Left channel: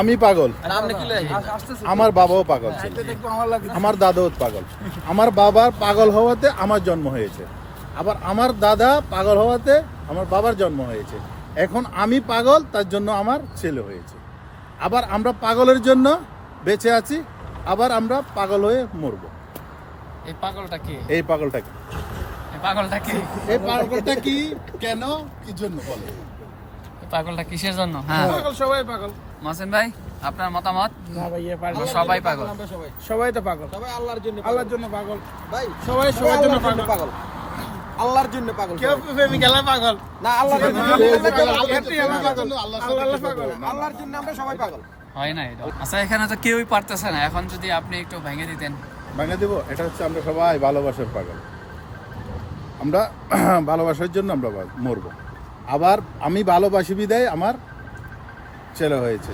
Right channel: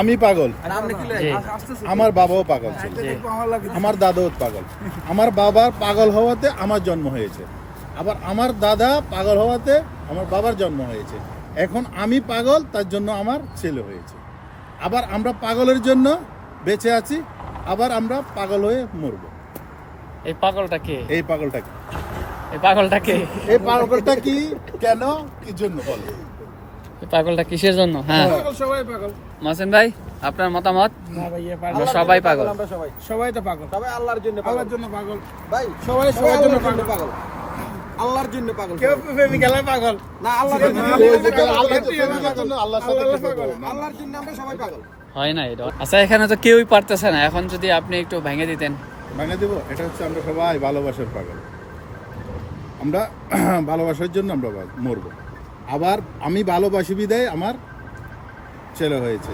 আমি পাগল, আমার বাবাও পাগল ছিল, আমার দাদাও পাগল। আমার বাবার পাগল হওয়াতে আমার জন্ম হয়েছে, আবার আমার দাদা পাগল হওয়াতে আমার বাবার জন্ম হয়েছে। এখন আমি পাগল, তার জন্য আমার ছেলে হয়েছে। আবার আমরা পাগলের জন্য বেঁচে আছি, আবার আমরা পাগল হয়ে মরবো। এই পাগলটা কি? এই পাগলটা কি? এই পাগলটা কি? এই পাগলটা কি, কেন, কি জন্য বলো? এই পাগলটা কিসের জন্য? হ্যাঁ, সবাই পাগল। মাসুম ভাই, আপনার মতামত? না ভাই, আমরা সবাই পাগল। আমরা সবাই তো পাগল। তবে আল্লাহর জন্য আল্লাহর জন্য পাগল ভাই, সবাই সবার জন্য আল্লাহর জন্য পাগল। পাগল, আল্লাহর জন্য পাগল। কেউ প্রেমিকালে পাগল না, আল্লাহর জন্য পাগল। আল্লাহর জন্য আমরা সবাই পাগল। হয় না এটা? আচ্ছা, এখানে তো কেউই পারতেছে না, এখন যদি আপনি একটু ভেঙে দিতেন। ভেঙে দেবো। এটা হচ্ছে আমরা সবাই ভালোবাসার পাগল। আমরা ভালোবাসার জন্য আমরা মরবো। আবার আমি ভালোবাসি বিদায় আমার ছেলে হয়েছে।